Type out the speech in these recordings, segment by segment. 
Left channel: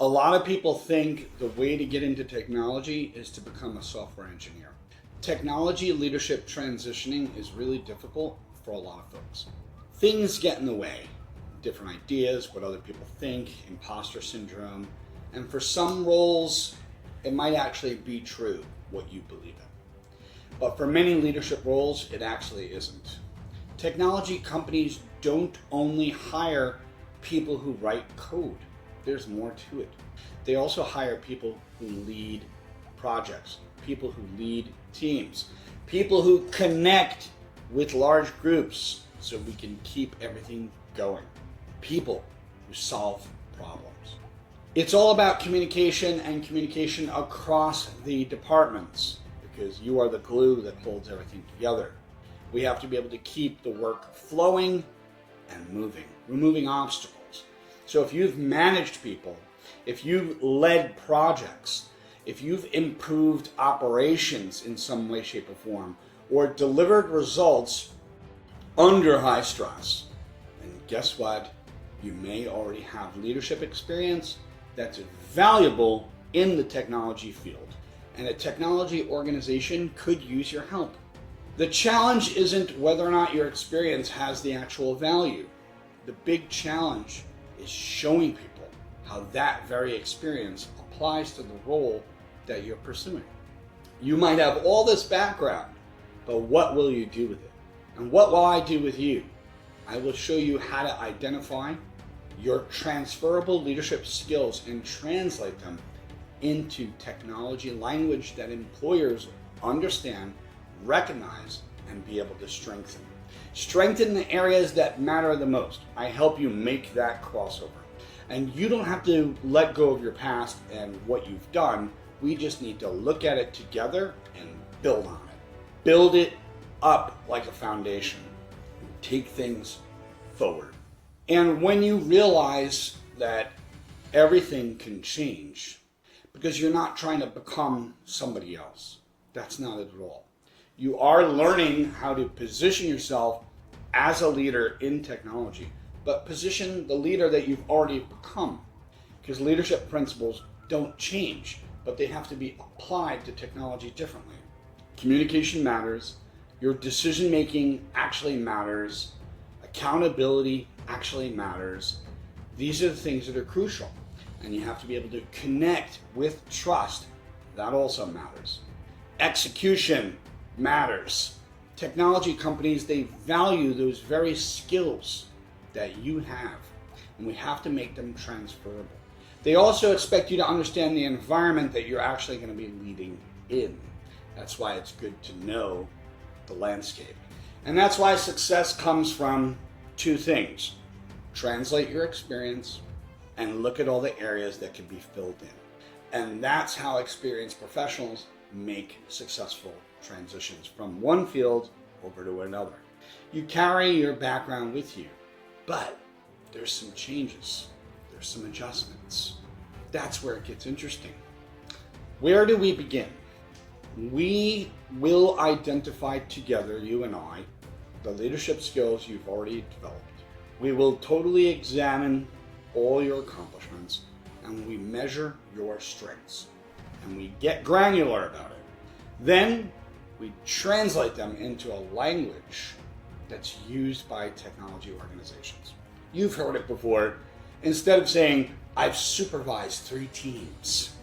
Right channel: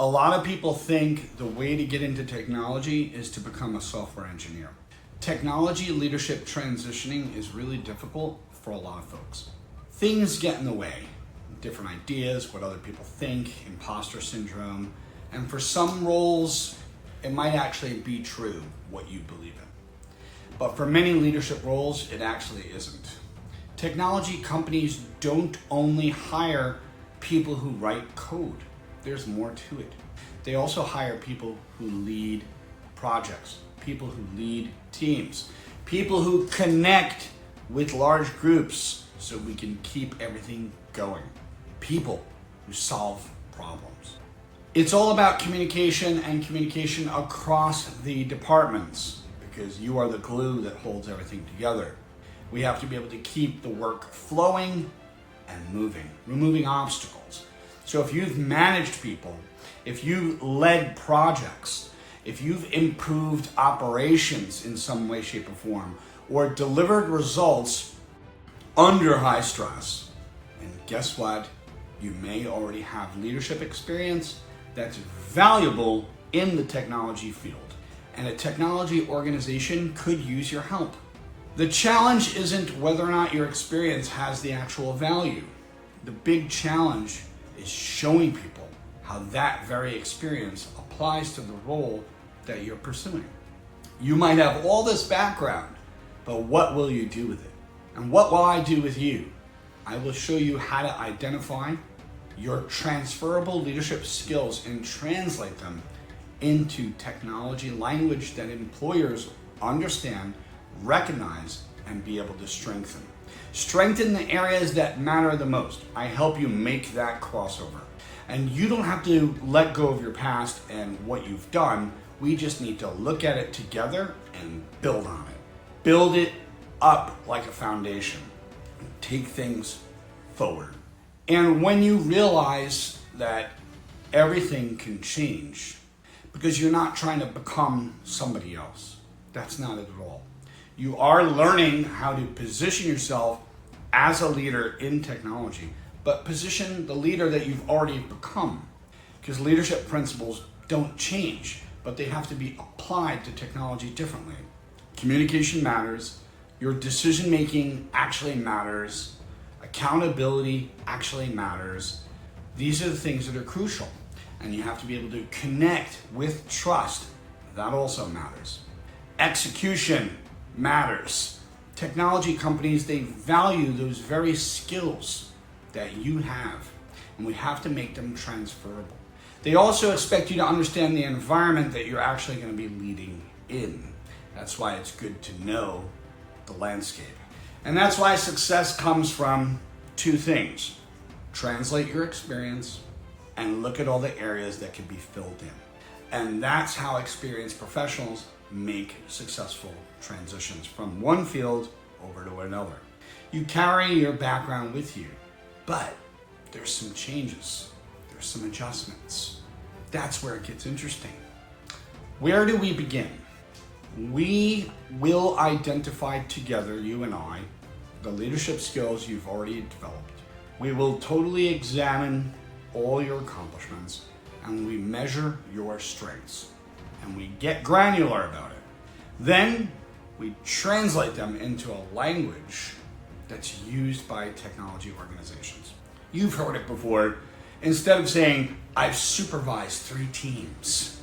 A lot of people think the way to get into technology is to become a software engineer. Technology leadership transitioning is really difficult for a lot of folks. Things get in the way. Different ideas, what other people think, imposter syndrome, and for some roles, it might actually be true what you believe in. But for many leadership roles, it actually isn't. Technology companies don't only hire people who write code. There's more to it. They also hire people who lead projects, people who lead teams, people who connect with large groups so we can keep everything going, people who solve problems. It's all about communication and communication across the departments because you are the glue that holds everything together. We have to be able to keep the work flowing and moving, removing obstacles. So if you've managed people, if you've led projects, if you've improved operations in some way, shape, or form, or delivered results under high stress, and guess what? You may already have leadership experience that's valuable in the technology field. And a technology organization could use your help. The challenge isn't whether or not your experience has the actual value. The big challenge is showing people how that very experience applies to the role that you're pursuing. You might have all this background, but what will you do with it? And what will I do with you? I will show you how to identify your transferable leadership skills and translate them into technology language that employers understand, recognize, and be able to strengthen. Strengthen the areas that matter the most. I help you make that crossover. And you don't have to let go of your past and what you've done. We just need to look at it together and build on it. Build it up like a foundation. Take things forward. And when you realize that everything can change, because you're not trying to become somebody else. That's not it at all. You are learning how to position yourself as a leader in technology, but position the leader that you've already become. Because leadership principles don't change, but they have to be applied to technology differently. Communication matters. Your decision making actually matters. Accountability actually matters. These are the things that are crucial. And you have to be able to connect with trust. That also matters. Execution matters. Technology companies, they value those very skills that you have, and we have to make them transferable. They also expect you to understand the environment that you're actually going to be leading in. That's why it's good to know the landscape. And that's why success comes from two things. Translate your experience and look at all the areas that can be filled in. And that's how experienced professionals make successful transitions from one field over to another. You carry your background with you, but there's some changes, there's some adjustments. That's where it gets interesting. Where do we begin? We will identify together, you and I, the leadership skills you've already developed. We will totally examine all your accomplishments, and we measure your strengths, and we get granular about it. Then we translate them into a language that's used by technology organizations. You've heard it before. Instead of saying, I've supervised 3 teams,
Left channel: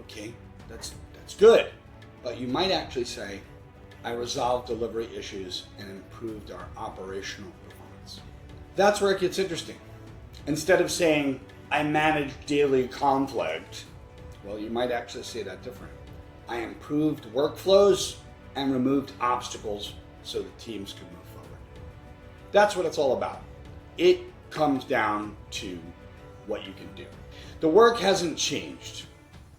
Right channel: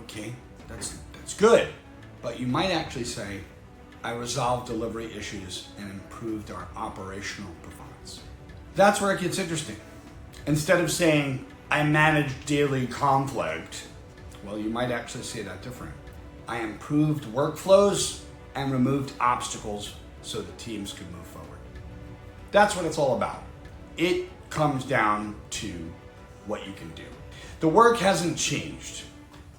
okay, that's good. But you might actually say, I resolved delivery issues and improved our operational performance. That's where it gets interesting. Instead of saying, I managed daily conflict, well, you might actually say that different. I improved workflows and removed obstacles so the teams could move forward. That's what it's all about. It comes down to what you can do. The work hasn't changed,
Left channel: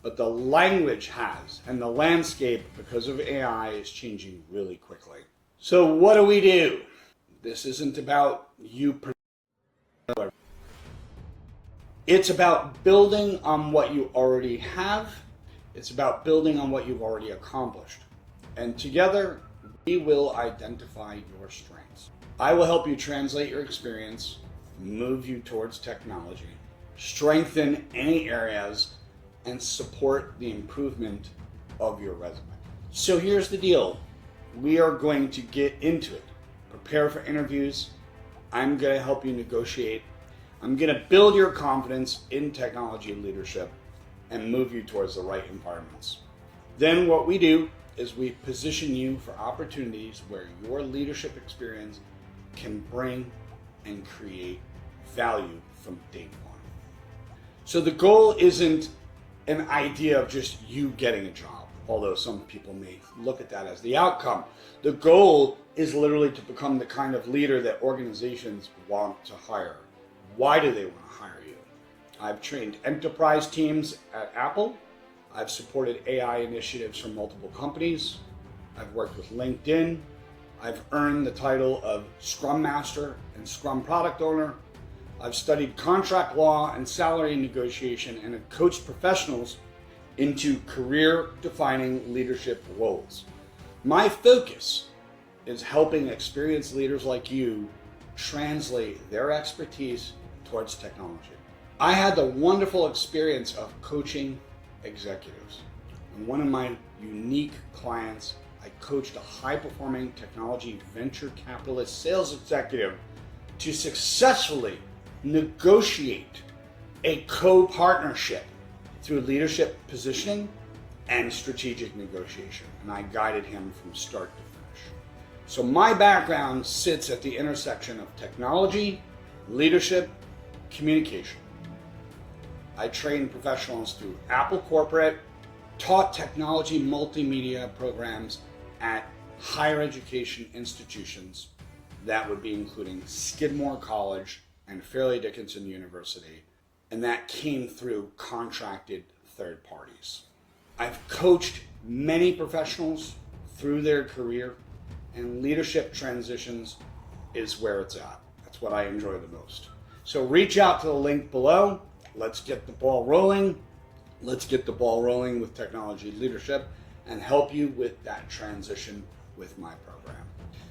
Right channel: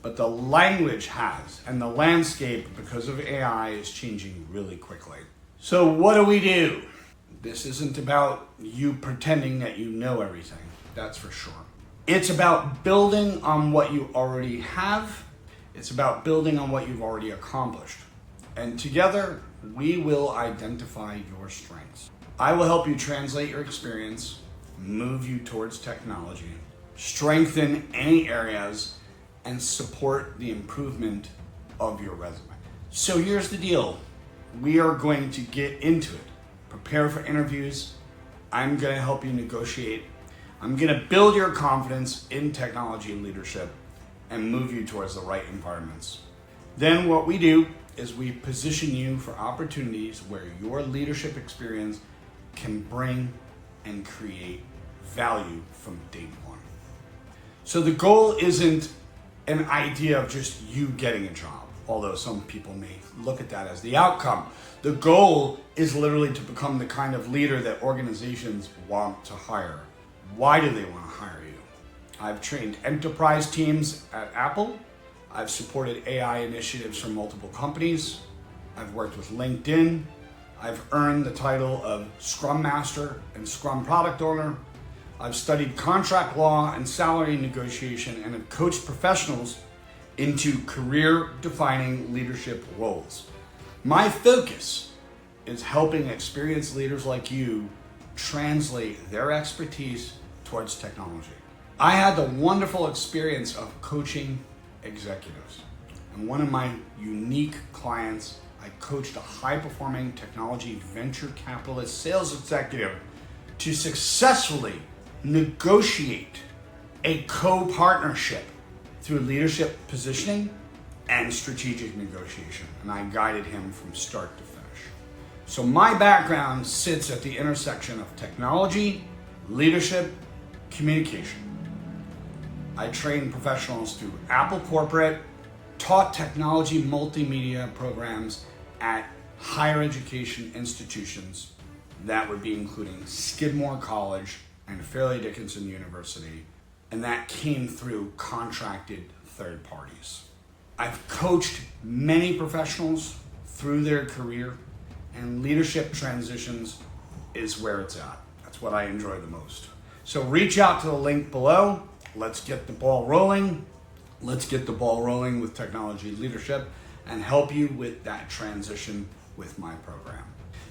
but the language has, and the landscape, because of AI, is changing really quickly. So what do? This isn't about you pretending that you know everything, that's for sure. It's about building on what you already have. It's about building on what you've already accomplished. And together, we will identify your strengths. I will help you translate your experience, move you towards technology, strengthen any areas, and support the improvement of your resume. So here's the deal. We are going to get into it. Prepare for interviews. I'm going to help you negotiate. I'm going to build your confidence in technology and leadership and move you towards the right environments. Then what we do is we position you for opportunities where your leadership experience can bring and create value from day one. So the goal isn't an idea of just you getting a job, although some people may look at that as the outcome. The goal is literally to become the kind of leader that organizations want to hire. Why do they want to hire you? I've trained enterprise teams at Apple. I've supported AI initiatives for multiple companies. I've worked with LinkedIn. I've earned the title of Scrum Master and Scrum Product Owner. I've studied contract law and salary negotiation and have coached professionals into career-defining leadership roles. My focus is helping experienced leaders like you translate their expertise towards technology. I had the wonderful experience of coaching executives. And one of my unique clients, I coached a high-performing technology venture capitalist sales executive to successfully negotiate a co-partnership through leadership positioning and strategic negotiation. And I guided him from start to finish. So my background sits at the intersection of technology, leadership, communication. I trained professionals through Apple Corporate, taught technology multimedia programs at higher education institutions. That would be including Skidmore College and Fairleigh Dickinson University, and that came through contracted third parties. I've coached many professionals through their career, and leadership transitions is where it's at. That's what I enjoy the most. So reach out to the link below. Let's get the ball rolling. Let's get the ball rolling with technology leadership and help you with that transition with my program.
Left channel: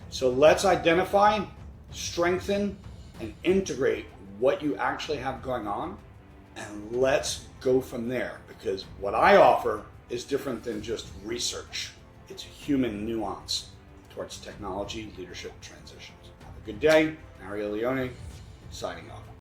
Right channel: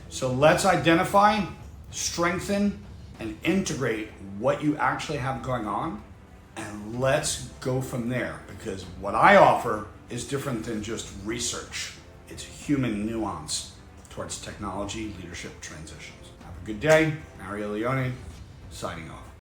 So let's identify, strengthen, and integrate what you actually have going on, and let's go from there, because what I offer is different than just research. It's human nuance towards technology leadership transitions. Have a good day. Mario Leone, signing off.